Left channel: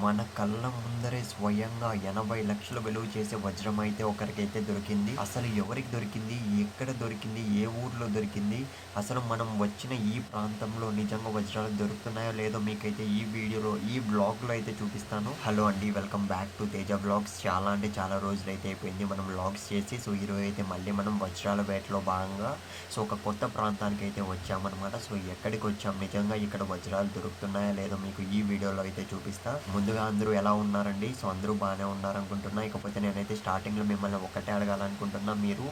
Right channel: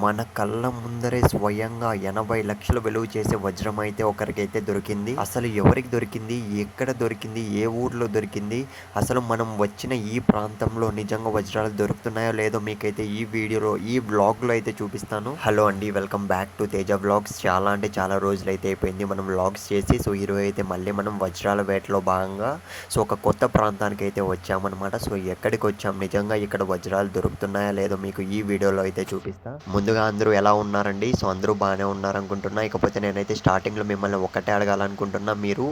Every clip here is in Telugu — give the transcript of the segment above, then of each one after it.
మన కళ్ళ ముందరే స్వయంగా 80,00,000 విలువ చేసే వజ్రం అయితే ఒకరికైతే దొరికింది. అసలు ఎవరికి దొరికింది? ఎక్కడ దొరికింది? ఏ ఊర్లో దొరికింది? అసలు మనం వచ్చిన ఈ ప్రాంతంలో నిజంగా వజ్రాలు దొరుకుతున్నాయో లేదో మీకైతే ఈ వీడియోలో, ఈ వ్లాగ్‌లో అయితే చూపిస్తాను. హలో అండి. Welcome back to Teja vlogs. చాలా అంటే చాలా రోజులైతే అయిపోయింది మనం వ్లాగ్స్ చేసి. సో, ఈరోజు అయితే మళ్ళీ మనం వజ్రాల వేటలో భాగంగా ఒక కొత్త ప్రాంతానికైతే వచ్చామన్నమాట. సో, ఎక్కడికొచ్చాం? నిజంగా ఇక్కడ వజ్రాలు దొరుకుతున్నాయా లేదో మీకు ఈ వీడియోలో అయితే చూపిస్తా. ముందుగా అందరూ ఎలా ఉన్నారండి? సో, అందరూ బానే ఉన్నారనుకుంటున్నా. ఇకపోతే నేనైతే స్టార్టింగ్‌లో మిమ్మల్ని ఒక్కటే అడగాలనుకుంటున్నా. మీరు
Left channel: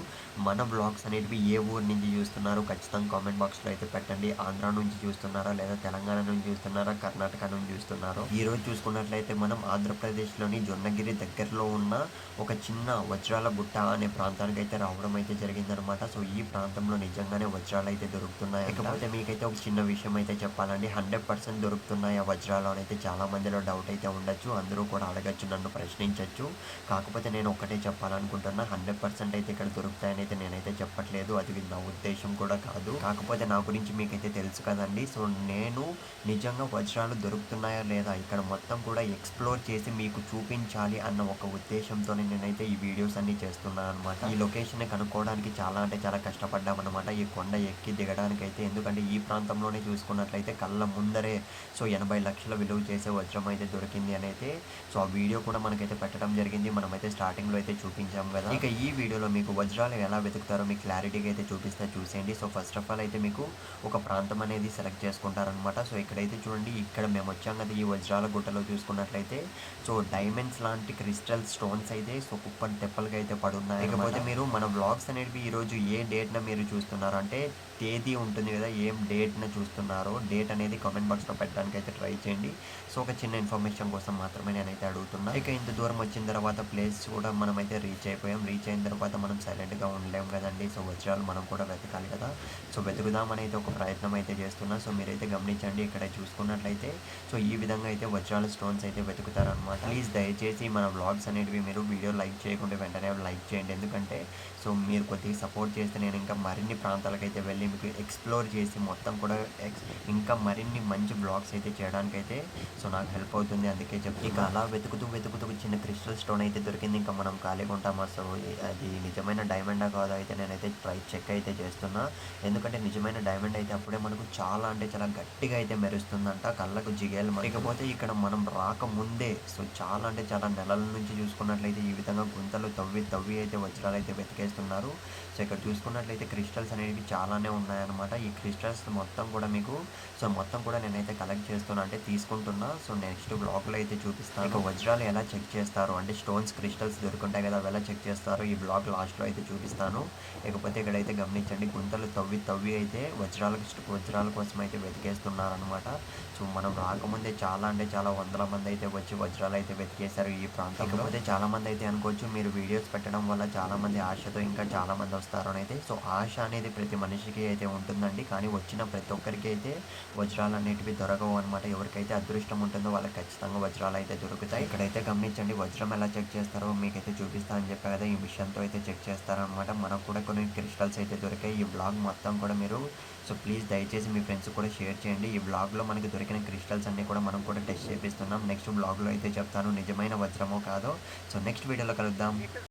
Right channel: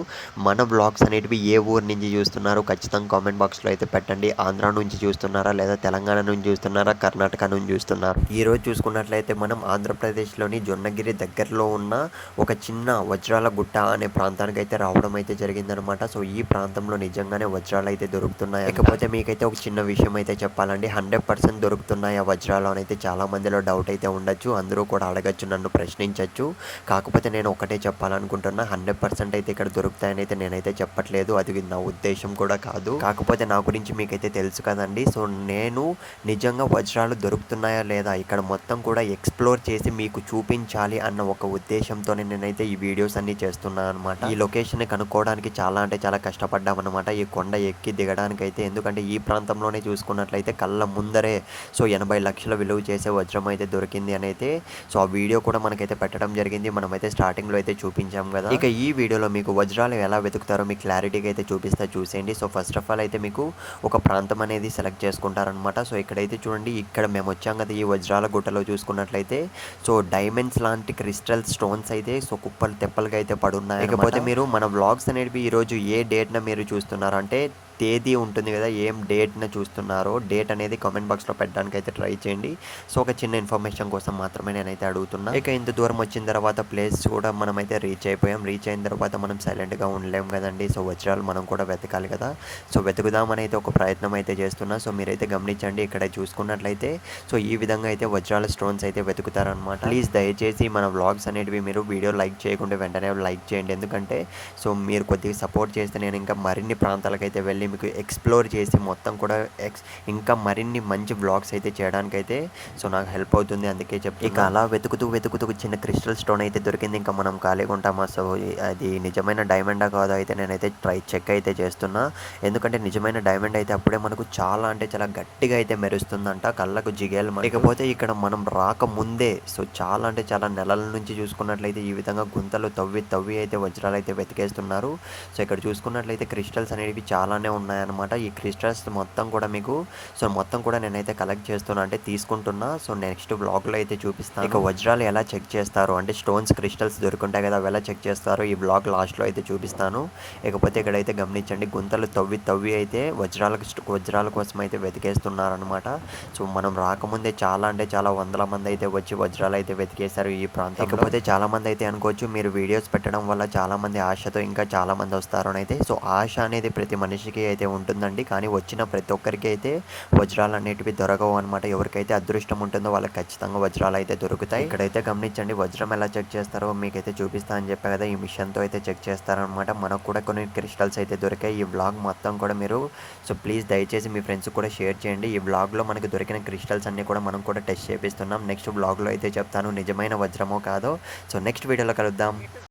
మన వ్లాగ్స్ అనేటివి ఏ ఊరు నుంచి చూస్తున్నారు? ఖచ్చితంగా కామెంట్ బాక్స్‌లో అయితే పెట్టండి. ఆంధ్ర నుంచి చూస్తున్నారా? లేదా తెలంగాణ నుంచి చూస్తున్నారా? కర్ణాటక నుంచి చూస్తున్నారా? ఈరోజు చూసుకున్నట్లయితే మనం ఆంధ్రప్రదేశ్‌లోని జొన్నగిరి దగ్గరలో ఉన్న ఒక చిన్న వజ్రాల గుట్ట అనే ప్రాంతానికైతే రావడం అయితే జరిగిందనమాట. సో, ఈ ప్రాంతంలో నిజంగానే వజ్రాలైతే దొరుకుతున్నాయి. ఇకపోతే మీకైతే ఒక చిన్న విషయం అయితే చెప్పాలండి. 100% దొరుకుతున్నాయా వజ్రాలు అనైతే చాలా మందిలో డౌట్ అయితే ఉండొచ్చు. అందరూ కూడా అడగచ్చు, నన్ను ప్రశ్నించొచ్చు. కాకపోతే నేను ఒకటే చెప్పాలనుకుంటున్నా. 100% అయితే ఇక్కడ దొరుకుతాయని అయితే నేనైతే చెప్పట్లేదు. అది నా ఉద్దేశం కూడా కాదు. కాకపోతే నా గురించి మీకైతే తెలుసు కదండీ. సో, నేను నిజంగా వజ్రాలు దొరుకుతున్నాయా లేదా ఇక్కడ మొత్తం కూడా ఎక్స్‌ప్లోర్ చేసి మీకు చూపించాలి అన్న ఒక ఉద్దేశంతోనే నేనైతే ఈ వీడియోస్ అన్నీ చేస్తున్నాననమాట. ఈ లొకేషన్‌ని కనుక్కోవడానికి చాలా అంటే చాలా కష్టపడ్డామనమాట. ఈ కొండ ఎక్కి దిగడానికైతే. ఎందుకంటే ఈ ప్రాంతంలోనే చూసుకున్నట్లయితే కళ్ళ ముందరే 80,00,000 విలువ చేసే వజ్రం అయితే దొరికింది అనైతే. సో, ఆ వీడియో కూడా మనకైతే పెట్టడం జరిగింది. మనమైతే స్టార్టింగ్‌లో అయితే చూపించాం గదా! ఇక ఈ వీడియోలో మీకు వజ్రాలు ఎలా వెతుకుతారో మీకు క్లారిటీగా అయితే చూపిస్తా, చూసేయండి. సో, ఫస్ట్ ఆఫ్ ఆల్ అయితే మీకు ఒక ప్రాంతం అనేది సెలెక్ట్ చేసుకుంటారనమాట. సో, ఇక్కడైతే చూడండి, ఇక్కడ మేము వచ్చాం కదా! ఈ వజ్రాల గుట్టలో చూసుకున్నట్లయితే సో, డైమండ్స్ లాంటి క్రిస్టల్ స్టోన్స్ అయితే సో, కుప్పలు తెప్పలుగా అయితే పడున్నాయి. ఇకపోతే మీరు మన వ్లాగ్స్ అనేటివి ఈరోజు ఏ డేట్‌న మీరు చూస్తున్నారు అంటే తేదీ ఉంటుంది కదా! ఏం డేట్‌న చూస్తున్నారో డేట్ అనేది కామెంట్ బాక్స్‌లో పెట్టడానికైతే ట్రై చేయండి. సో, ఒక చిన్న ఇన్ఫర్మేషన్ కోసం మాత్రమే నేనైతే అడుగుతున్నా. ఇక ఇంత దూరం వచ్చిన తర్వాత ప్లేస్ కూడా మనమైతే రీచ్ అయిపోయాం. రీచ్ అయిన తర్వాత మనం సైలెంట్‌గా ఉండలేం కదండీ. సో, వజ్రాలు మనం కూడా వెతకాలి కదా! సో, వెతుకుదామని అయితే ఒక ప్రయత్నం అయితే చేస్తున్నా. సో, మీరైతే గమనించండి. ఇక్కడ చూసుకున్నట్లయితే సో, ఈ విధంగా అయితే వజ్రాల స్టోన్స్ అయితే వెతుకుతారనమాట. ప్లీజ్ దయచేసి మన వ్లాగ్స్ అనేటివి మీరు వీడియో లైక్ చేయకుండా వెంటనే లైక్ చేయండి. ఎందుకంటే సో, మీరు కొద్దిగా సపోర్ట్ చేస్తే నేను ఇంకా మరిన్ని ప్రాంతాలకైతే వెళ్ళి మీకు ఎక్స్‌ప్లోర్ చేసి మొత్తం కూడా ఇంకా మరిన్ని మంచి వ్లాగ్స్ అయితే చేయడానికైతే సో, నాకు హెల్ప్ అవుతుంది. అందుకే చెప్తున్నా. ఇక అలా వెతుకుతూ, వెతుకుతూ చిన్న క్రిస్టల్ స్టోన్ అయితే దొరికింది. ఇంకా మనం ఖాళీగా ఉంటామా? సో, అది నిజమైన డైమండా కాదా అయితే నేనైతే చెక్ అయితే చేస్తున్నా. ఎందుకంటే నిజమైన డైమండ్ అయితే అప్పుడే మనకు చాలా అంటే చాలా గట్టిగా అయితే మెరుస్తుందంట. కళ్ళకు జిగేలమంటూ. ఇకపోతే ఇక్కడ మనం రాకముందే సో, చాలా అంటే చాలా నెలల నుంచి చూసుకున్నట్లయితే ఈ విధంగా గుంతలు తవ్వి, తవ్వి అయితే వజ్రాలైతే వెతికేస్తున్నారు. సో, ఇక్కడ చూసుకున్నట్లయితే క్రిస్టల్స్ అనేవి చాలానే ఉన్నాయన్నమాట. ఈ క్రిస్టల్స్ మొత్తం కూడా మీకు సో, మొత్తం కూడా నేనైతే కలెక్ట్ చేస్తున్నా, అంటే తీసుకుంటున్నా. సో, నెక్స్ట్ వ్లాగ్‌లో అయితే చూపిస్తాను. ఇక వజ్రాలు ఎలా చెక్ చేస్తారో అంటే స్టోన్స్, క్రిస్టల్స్ దొరుకుంటాయి కదా! అవి ఎలా చెక్ చేస్తారో ఈ వ్లాగ్ లాస్ట్‌లో అయితే చూపిస్తాను. ఇకపోతే ఇక్కడైతే గమనించండి, గుంతలు తవ్వి, తవ్వి అయితే వజ్రాల కోసం అయితే వెతికేస్తున్నారనమాట. సో, మనం రాకముందే చాలా అంటే చాలా వందల మంది అయితే వచ్చి వజ్రాలు అయితే వెతికేశారు ఈ ప్రాంతంలో. ఇకపోతే చాలామంది అయితే అనుకోవచ్చు, మీరు వీడియోస్ పెట్టడం వల్ల చాలామంది ఆశతో ఇంకా చాలామంది వస్తారు అనైతే. సో, ఆశ అనేది ప్రతి మనిషికి అయితే ఉంటుందండి. కానీ వచ్చిన ప్రతి ఒక్కరికి అయితే వజ్రాలు అనేటివి దొరకవు అనమాట. ఎవరికైతే అదృష్టం ఉంటుందో వాళ్ళకి ఖచ్చితంగా వజ్రాలు అయితే దొరుకుతాయి. ఇక్కడైతే గమనించండి, వజ్రం ఎలా చెక్ చేస్తారో మీకైతే చూపిస్తా అని చెప్పా కదా! ఈ మిషన్‌తో అయితే చెక్ చేస్తారనమాట. మనకు కూడా కొన్ని క్రిస్టల్స్ అయితే దొరికాయి. ఈ వ్లాగ్ మొత్తం కూడా మీరు సో, ప్లీజ్ దయచేసి మీ ఫ్రెండ్స్‌కి కూడా షేర్ చేయండి. ఈ వ్లాగ్‌లో మనకు దొరికిన క్రిస్టల్స్ అన్నీ కూడా మనం కూడా టెస్ట్ చేపిస్తున్నాం. నెక్స్ట్ వ్లాగ్‌లో అయితే చెప్తాను నిజమైన వజ్రమో కాదో. సో, నెక్స్ట్ వీడియోలో కలుద్దాం.